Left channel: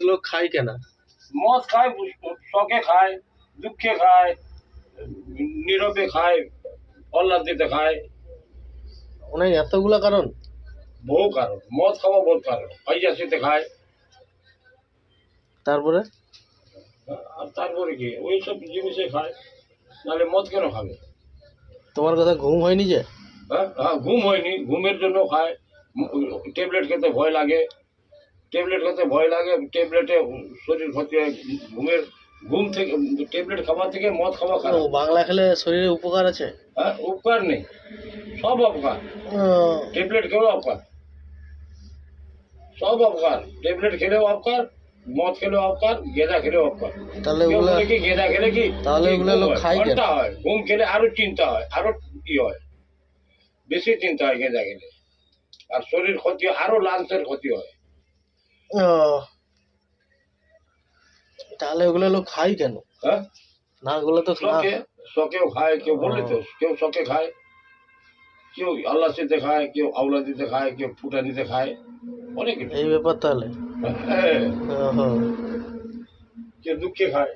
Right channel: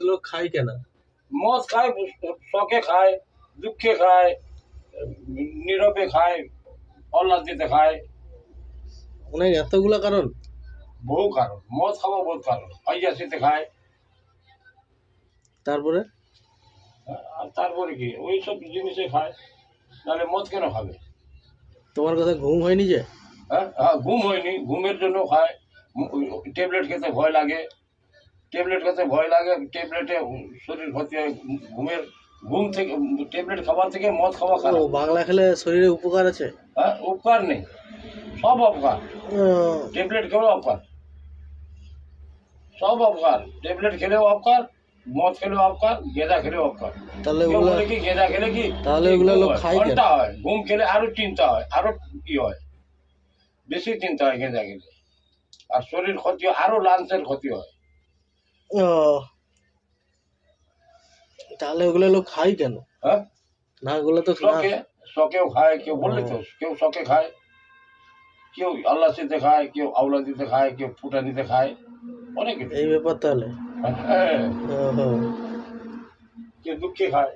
লোক খায় কেন? মদ খায়, শখে খায়, দুঃখে খায়, নীরবে খায়, অল্লাদিতে খায়। অনেক এতগুলা কারণ। বহু কারণ, মদ খাওয়া বহু কারণ। ঐজাসিতে খায়। তারপরে আর তারপরে কি ওই সব জিনিসে খায়, নাহলে মদ কেন খাবে? তোমার কথা ঘুম হয়নি যে? হ্যাঁ, ঘুম হয়নি, ঘুমের জন্য খায়। ট্যাবলেট খেতে ভয় লাগে, ট্যাবলেটে শরীর ক্ষতি হয়। ঘুম থেকে ট্যাবলেট খাবার থেকে মদ খাওয়া ও, খারাপ। বাংলা খেলে শরীরে উপকার আছে? হ্যাঁ, উপকার নেই, সব অপকার। ও, ট্যাবলেট খেলেও অপকার, সব অপকার। ট্যাবলেট খেলেও অপকার, মদ খেলেও অপকার, গেঁদা খেলেও অপকার। তাহলে কেউ ওগুলা বলে কি গেঁদা খেলে কি তাহলে ওগুলা ঘুম লোক হয়? খায় কেন? ঘন্টা হয়। ঘুম খেলে আরো চিন্তা হয়, আরো কি হয়, বেশি চিন্তা হয় গেঁদা খেলে। আর শরীর ক্ষতি হয়, আরো লাংসের ক্ষতি হয়। ও, তাহলে ওগুলা লোক খায় কেন? হ্যাঁ, না, ওগুলো তো না। শখেও খায়, কেউ বললে তো, কেউ শখে খায়, কেউ আল্লাচিতে খায়, কেউ আওলা দিতে খায়, কেউ ফুটা দিতে খায়, অনেক কিছু। এই ব্যাপার তাহলে। হ্যাঁ, ওহো। কেউ দুঃখে খায়।